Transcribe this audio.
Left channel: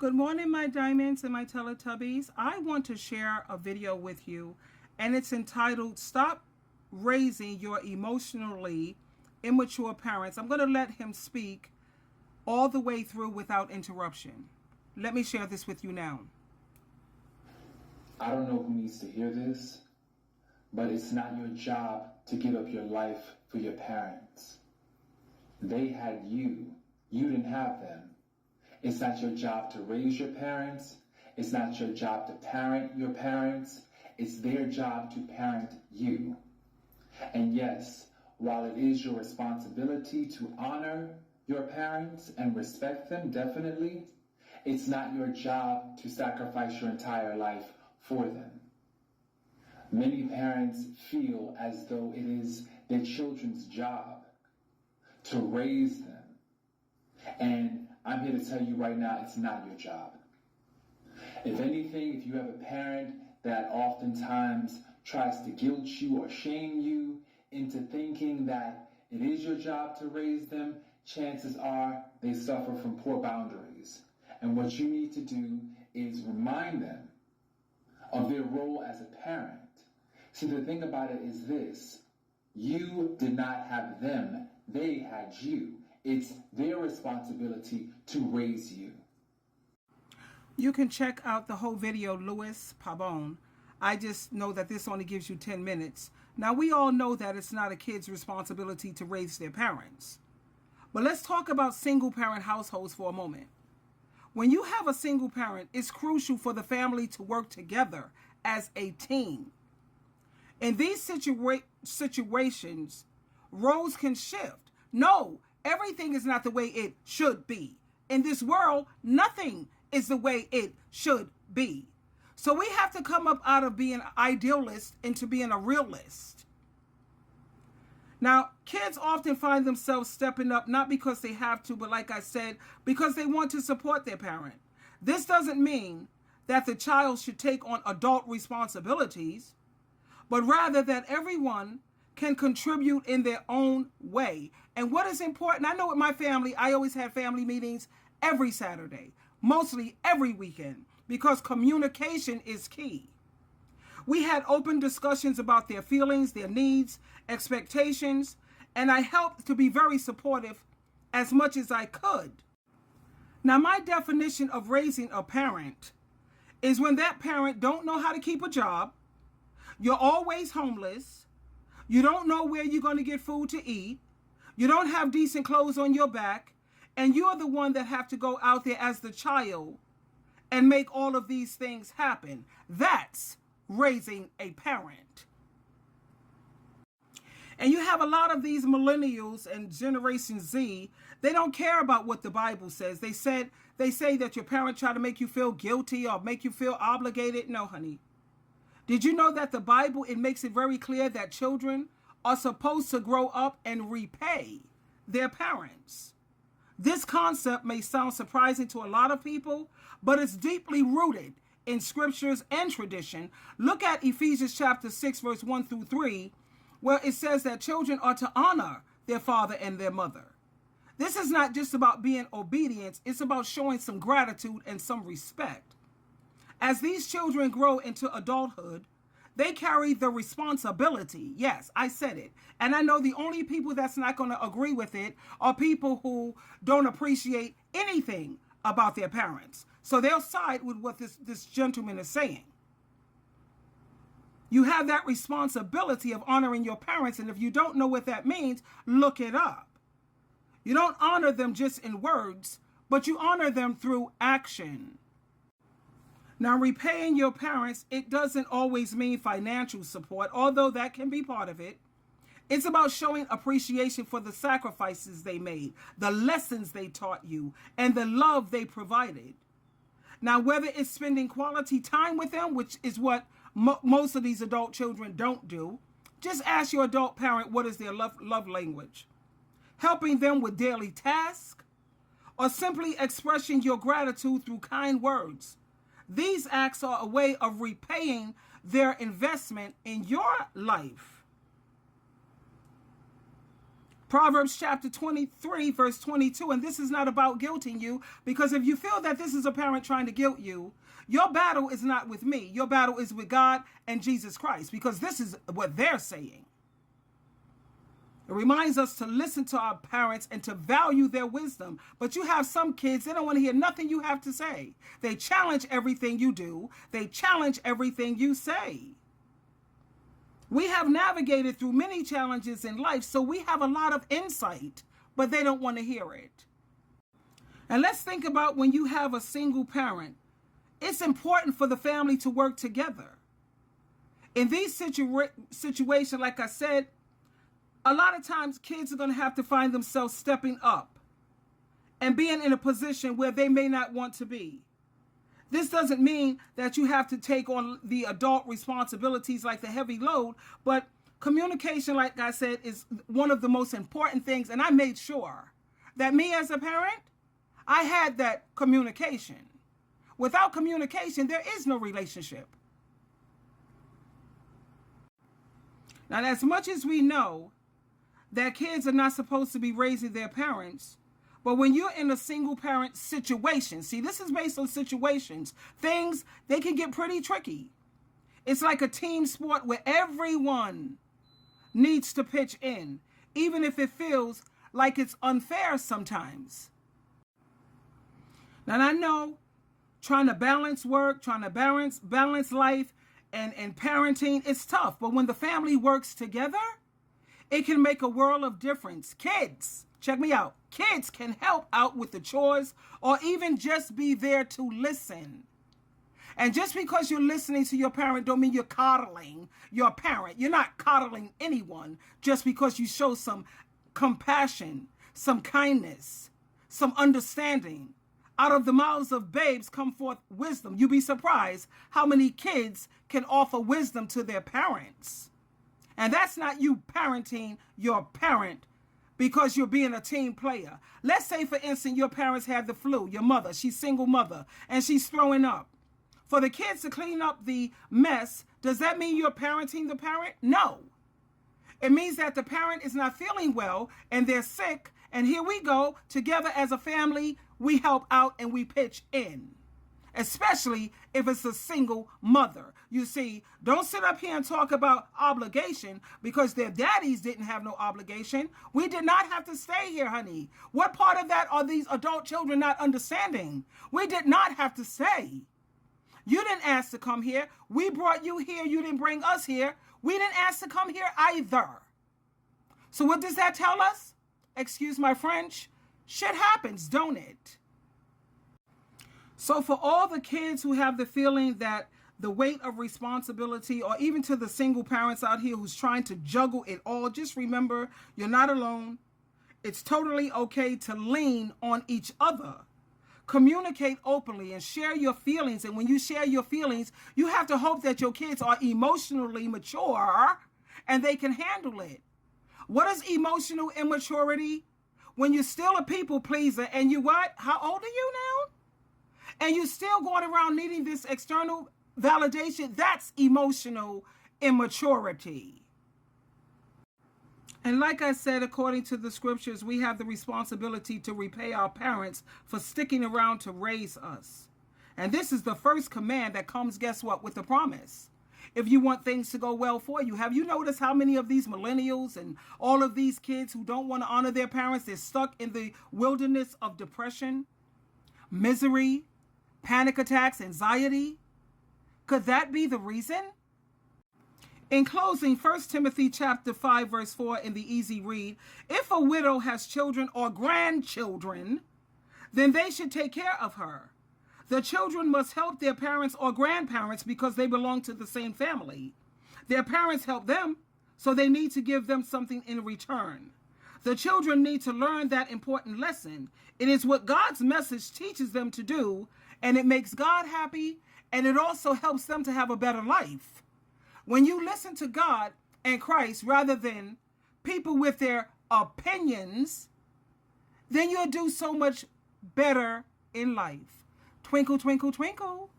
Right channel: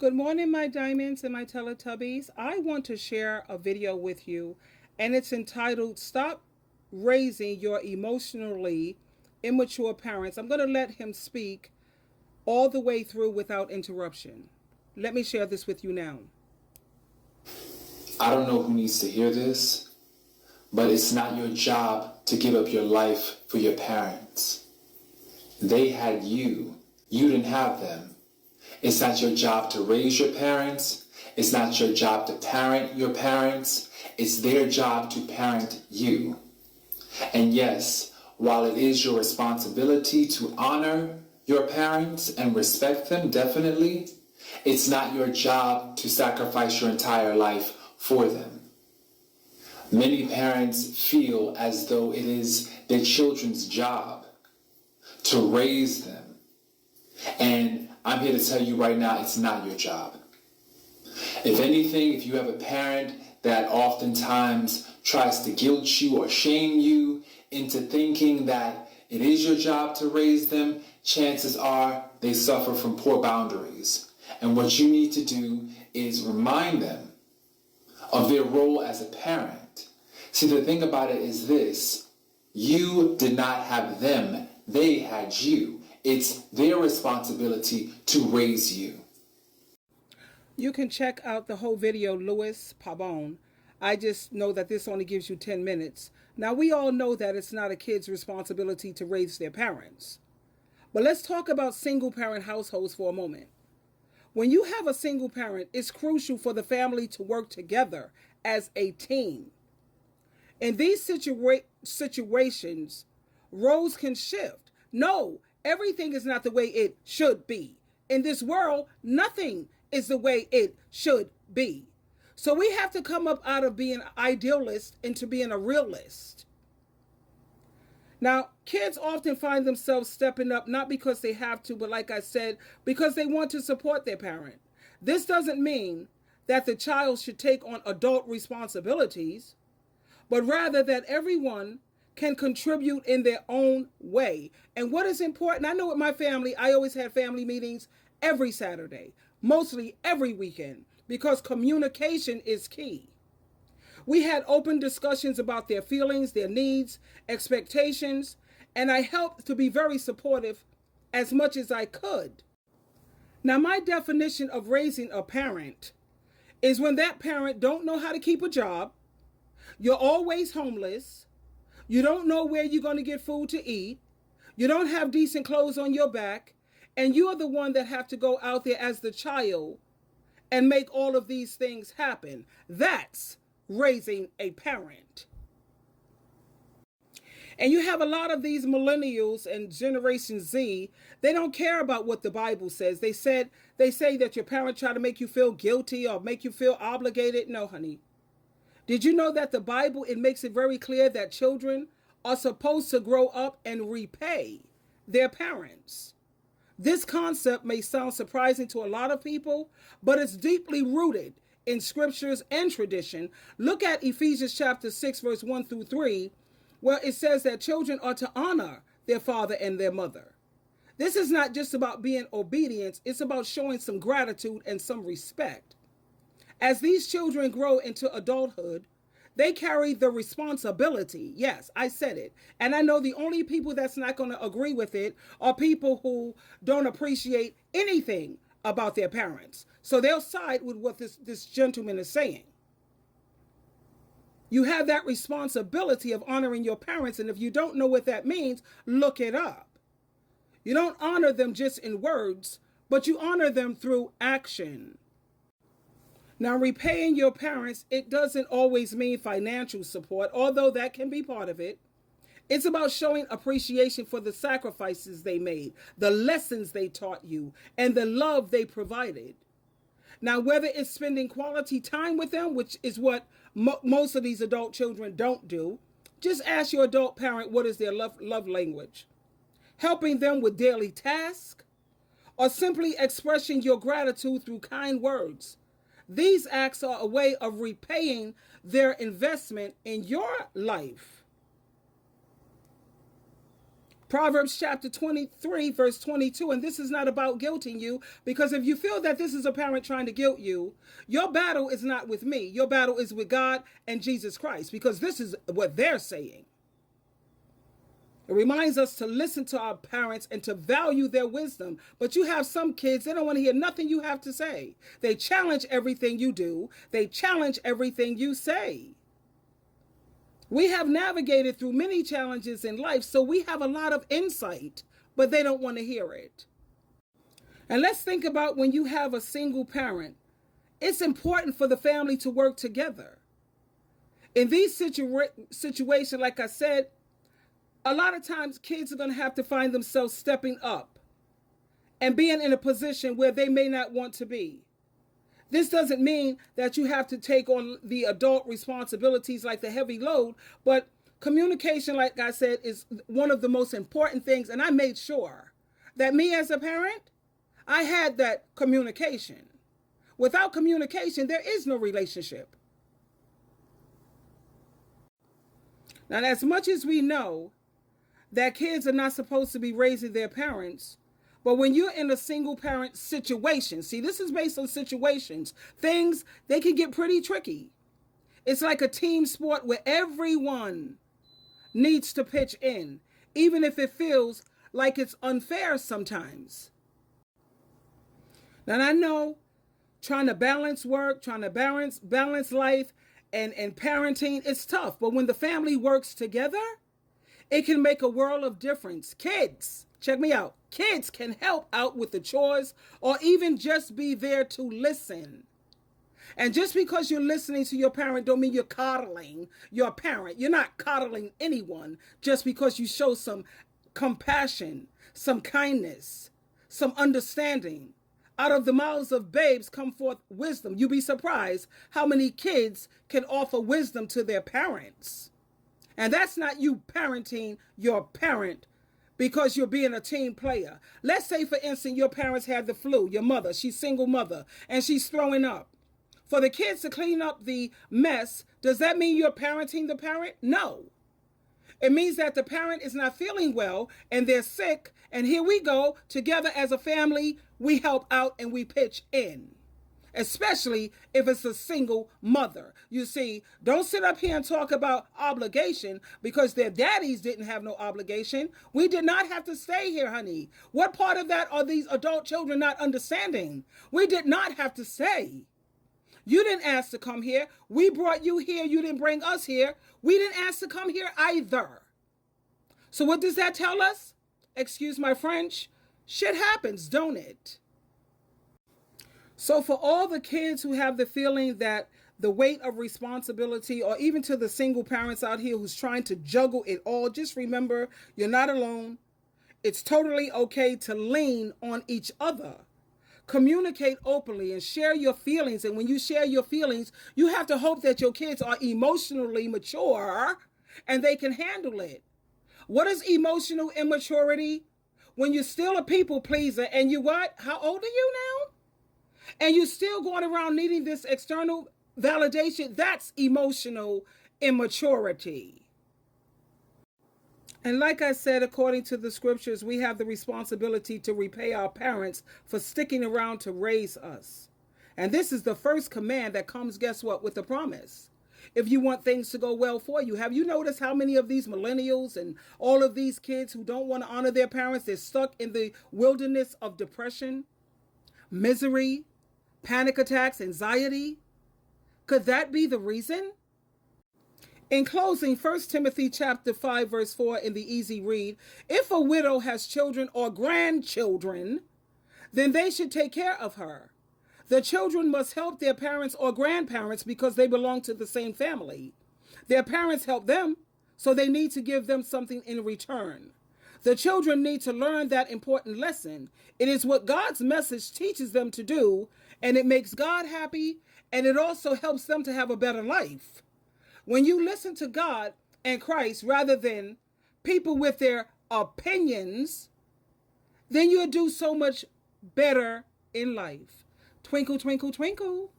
Good morning, my diamonds and my Teletubbies. I want to share a video with you, and it's entitled Stop Raising Your Emotionally Immature Parents. I'm going to let him speak all the way through without interruption. Let me share this with you now. I don't know who needs to hear this, but it's not your job to give up your life for your parents. They had you. You didn't have them. It's not your job to raise your parents. It's not your job to parent your parents. It's their job to parent you. And yes, while it is your responsibility to honor your parents and respect them, definitely, it's not your job to sacrifice your entire life for them. Many parents feel as though it is their children's job to raise them. And I'm here to tell you right now, it's not your job. If anything, if you have a parent that oftentimes tries to guilt you or shame you into thinking that it is your job to raise them, chances are they suffer from poor boundaries. And what you need to do is remind them of their role as a parent. See, the thing about it is this: you did not have them, they had you. It's their responsibility to raise you. You can check out the whole video, Louis Pabon. I just know that this only gives you 10 minutes. Now, we all know that it's not a kid's responsibility to raise their parents. But let's talk about single parent households for a moment. When you have a single parent, it's crucial for the family to work together as a team. In these situations, roles can shift. No, everything is not the way it should be. In this world, nothing is the way it should be. So we have to come up out of being an idealist into being a realist. Now, kids often find themselves stepping up, not because they have to, but like I said, because they want to support their parent. This doesn't mean that the child should take on adult responsibilities, but rather that everyone can contribute in their own way. And what is important, I know with my family, I always had family meetings every Saturday, mostly every weekend, because communication is key. We had open discussions about their feelings, their needs, expectations, and I helped to be very supportive as much as I could. Now, my definition of raising a parent is when that parent don't know how to keep a job, you're always homeless, you don't know where you're going to get food to eat, you don't have decent clothes on your back, and you're the one that have to go out there as the child and make all of these things happen. That's raising a parent. And you have a lot of these millennials and Generation Z, they don't care about what the Bible says. They say that your parent try to make you feel guilty or make you feel obligated. No, honey. Did you know that the Bible, it makes it very clear that children are supposed to grow up and repay their parents? This concept may sound surprising to a lot of people, but it's deeply rooted in scriptures and tradition. Look at Ephesians chapter 6, verse 1 through 3, where it says that children are to honor their father and their mother. This is not just about being obedient, it's about showing some gratitude and some respect. As these children grow into adulthood, they carry the responsibility. Yes, I said it. And I know the only people that's not going to agree with it are people who don't appreciate anything about their parents. So they'll side with what this gentleman is saying. You have that responsibility of honoring your parents. And if you don't know what that means, look it up. You don't honor them just in words, but you honor them through action. Now, repaying your parents, it doesn't always mean financial support, although that can be part of it. It's about showing appreciation for the sacrifices they made, the lessons they taught you, and the love they provided. Now, whether it's spending quality time with them, which is what most of these adult children don't do, just ask your adult parent what is their love language. Helping them with daily tasks, or simply expressing your gratitude through kind words. These acts are a way of repaying their investment in your life. Proverbs chapter 23, verse 22, and this is not about guilting you, because if you feel that this is a parent trying to guilt you, your battle is not with me. Your battle is with God and Jesus Christ, because this is what they're saying. It reminds us to listen to our parents and to value their wisdom. But you have some kids, they don't want to hear nothing you have to say. They challenge everything you do. They challenge everything you say. We have navigated through many challenges in life, so we have a lot of insight, but they don't want to hear it. And let's think about when you have a single parent. It's important for the family to work together. In these situations, like I said, a lot of times kids are going to have to find themselves stepping up and being in a position where they may not want to be. This doesn't mean that you have to take on the adult responsibilities like the heavy load, but communication, like I said, is one of the most important things. And I made sure that me as a parent, I had that communication. Without communication, there is no relationship. Now, as much as we know that kids are not supposed to be raising their parents, but when you're in a single parent situation, see, this is based on situations, things, they can get pretty tricky. It's like a team sport where everyone needs to pitch in, even if it feels like it's unfair sometimes. Now, I know trying to balance work, trying to balance life and parenting, it's tough. But when the family works together, it can make a world of difference. Kids, check me out. Kids can help out with the chores or even just be there to listen. And just because you're listening to your parent don't mean you're coddling your parent. You're not coddling anyone just because you show some compassion, some kindness, some understanding. Out of the mouths of babes come forth wisdom. You'd be surprised how many kids can offer wisdom to their parents. And that's not you parenting your parent because you're being a team player. Let's say, for instance, your parents had the flu, your mother, she's single mother, and she's throwing up. For the kids to clean up the mess, does that mean you're parenting the parent? No. It means that the parent is not feeling well and they're sick, and here we go, together as a family, we help out and we pitch in. Especially if it's a single mother. You see, don't sit up here and talk about obligation because their daddies didn't have no obligation. We did not have to stay here, honey. What part of that are these adult children not understanding? We did not have to stay. You didn't ask to come here. We brought you here. You didn't bring us here. We didn't ask to come here either. So what does that tell us? Excuse my French. Shit happens, don't it? So for all the kids who have the feeling that the weight of responsibility, or even to the single parents out here who's trying to juggle it all, just remember, you're not alone. It's totally okay to lean on each other. Communicate openly and share your feelings. And when you share your feelings, you have to hope that your kids are emotionally mature and they can handle it. What is emotional immaturity? When you're still a people pleaser and you what? How old are you now? And you're still going around needing this external validation. That's emotional immaturity. And like I said, according to the scriptures, we have the responsibility to repay our parents for sticking around to raise us. And this is the first command that comes, guess what, with the promise. If you want things to go well for you. Have you noticed how many of these millennials and all of these kids who don't want to honor their parents, they're stuck in the wilderness of depression, misery, panic attacks, anxiety? Could that be the reason? In closing, 1 Timothy chapter 5, verse 4 in the easy read, if a widow has children or grandchildren, then they should take care of her. The children must help their parents or grandparents because they belong to the same family. Their parents help them, so they need to give them something in return. The children need to learn that important lesson. It is what God's message teaches them to do, and it makes God happy, and it also helps them to have a better life. When you listen to God and Christ rather than people with their opinions, then you'll do so much better in life. Twinkle, twinkle, twinkle.